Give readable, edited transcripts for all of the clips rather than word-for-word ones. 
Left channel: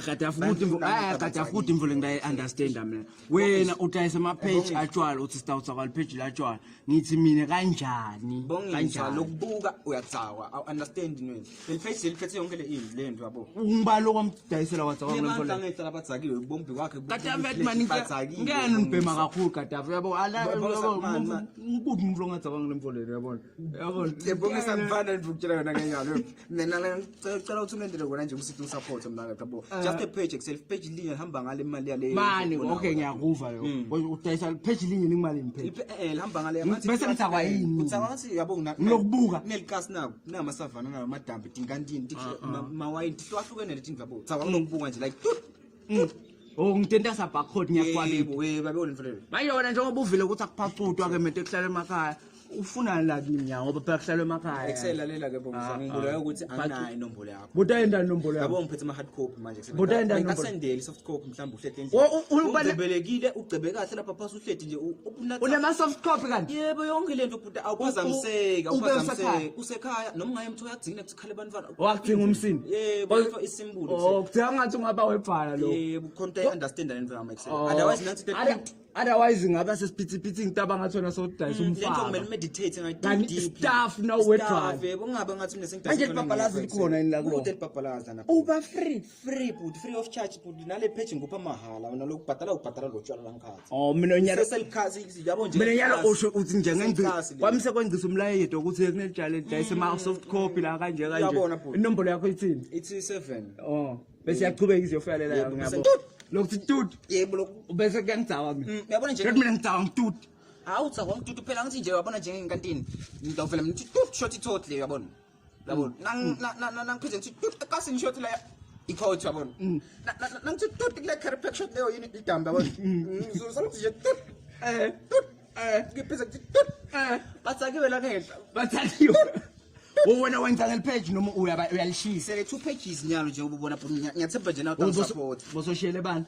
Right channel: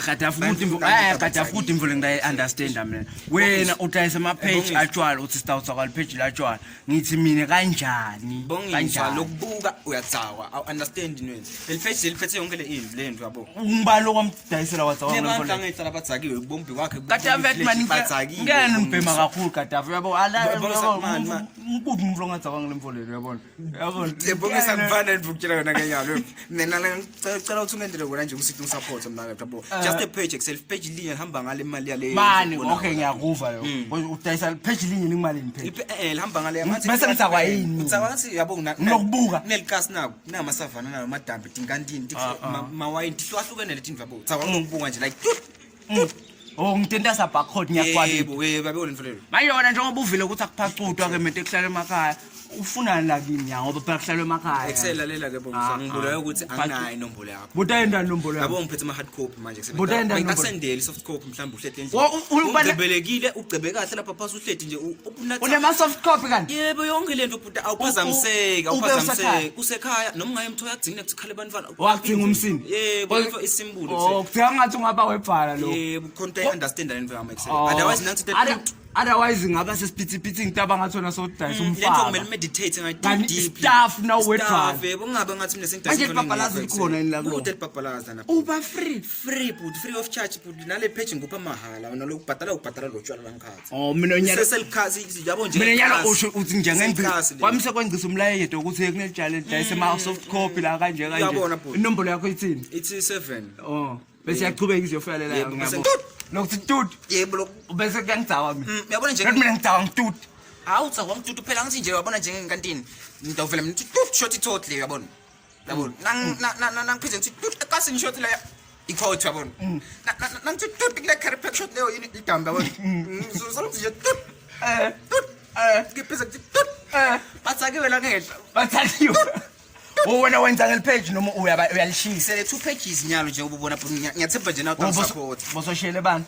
Kadafu ukuthi kadafu ukuthi imvule ngiyayi-understand mina. Wena udayisa ama-page atshwala uthi sitawutsa kwali-page latshwala. Ngithi mina kanjani? Kanjani lokubuka uyatsawa awu-understand nwena. Leli page liphethe yonke le nto yabo. Ngibani lokwamdayisela watsawa ngefoleni. Abantu angayitsala batsakiwe kubombi kwakhe. Kadafu yathi mani ngiyena nibhema kakhulu Kadafu yabo. Ngikuthi umuntu ongatsawa ngile mfoleni yabona. Yabona. Ebongisa ngifana ngikutshela yona kenyalo. Mina la ngicela ukuthi ungenzele kona nje usithi support mina yabo. Just a page self page linye hamba ngale imali yale. Mani okay ngiyakuva lo. Udayisa page linye ngimalini page. Hamba ngale amathi. Bese ngitsakwa yini? Utsaba ngathi yabo ngilokubuka. Nelikasi nako namasavana nayo madambi tinkantini mawayini hlukahlukene letinto yabo. Utsaba ngokubuka nje like Oh ngitentasa barcode ngiyakwali. Yebo babe olemfulelo. Manje wena njengoba uvile ukuthi akuphacudwa ke mente kuhlala emakhaya. Ufuna la kimi ya ngoba phela kuhlala emakhaya. Ekselalela ke bonke ngibulayo ukuthi anginayo inombolo yakho. Butayenda inombolo yakho. Yabo ngiphethe ama hard copy manje kusebenza. Butayenda inombolo. Ngasendele soft copy mhlawumbe uhlehle endlini. Ugcebelekile ugcebe kahle lapha phasi uhlethi nje unathi. Unema soft copy kanti? Yebo yonke lento futhi awuphazamiseka usekhaya noma ungaye emthola yagcina ukuthi khale bantwana. Wadinga umsindi. Yebo isimbulo. Oh kuthiwa ngathi ungaba webhala lo. Yebo content understand lento yami excel. Otherwise nangithi otherwise ngaba sesiphithi ngitaba ngathona sodayisa umfana. Lento kumele meditate ngathi deep. Staff now webhala. Yebo kungabe ngathi mina sengidayisa. Manje ibhabhalazi likhona yini la kulo? Uthi ibhabhalaza lapha. Uba free but free of charge but nale page ngupha mahala wena lokubhatala lo tshwala langikhathi. Oh mina nyalo seselkhasi yabo nje. Mina nyalo usho uthi njengengcisi. Kwamise kwangcisa umlayedo ukuthi kunetshale dayisa ama soft copy la kanje. Inombolo yakho ithini? Ithi 7. Oh bese yaqhubeka izofela la ngiyabo. Lokuthi tut yebo bese kuyangidzawa mina. Uyabona nje mina ngidzawa ngitut. Hawu utsawa ngitut phela ngithi nje uyabona nje ngekantini. Ngidawuvela mina tut short totally uyabona. Yabona nangiphize ngithi tut ekasini short la ikhawuthi yabona. Nangithi tut kule carry pack short leyo yini idamba yabona. Ngizozolokuthi nje tut ngiphize ngithi tut batsakiwe la ngehla. Batsakiwe. Wena wenza ngel-page noma uyalishisa? Sele 2 pages nyalo nje ubona ngiyathemba nje nawe support. Bososhele bani?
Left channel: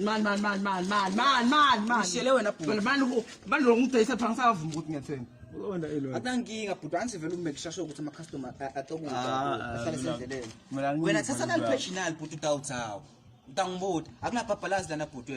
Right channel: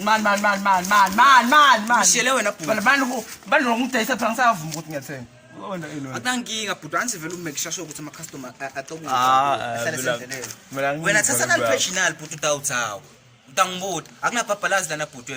Man. Ushele wena bhuti. Bani ngidayisa phela ngisavuma ukuthi ngiyathenga. Uzobona ini wena? Akunankinga bhuti angisivela umake sure ukuthi ama customer atokuhle. Mina wena thatha nal page nal bhuti utawutsawa. Utangibuta akunabhabhalazi lana bhuti.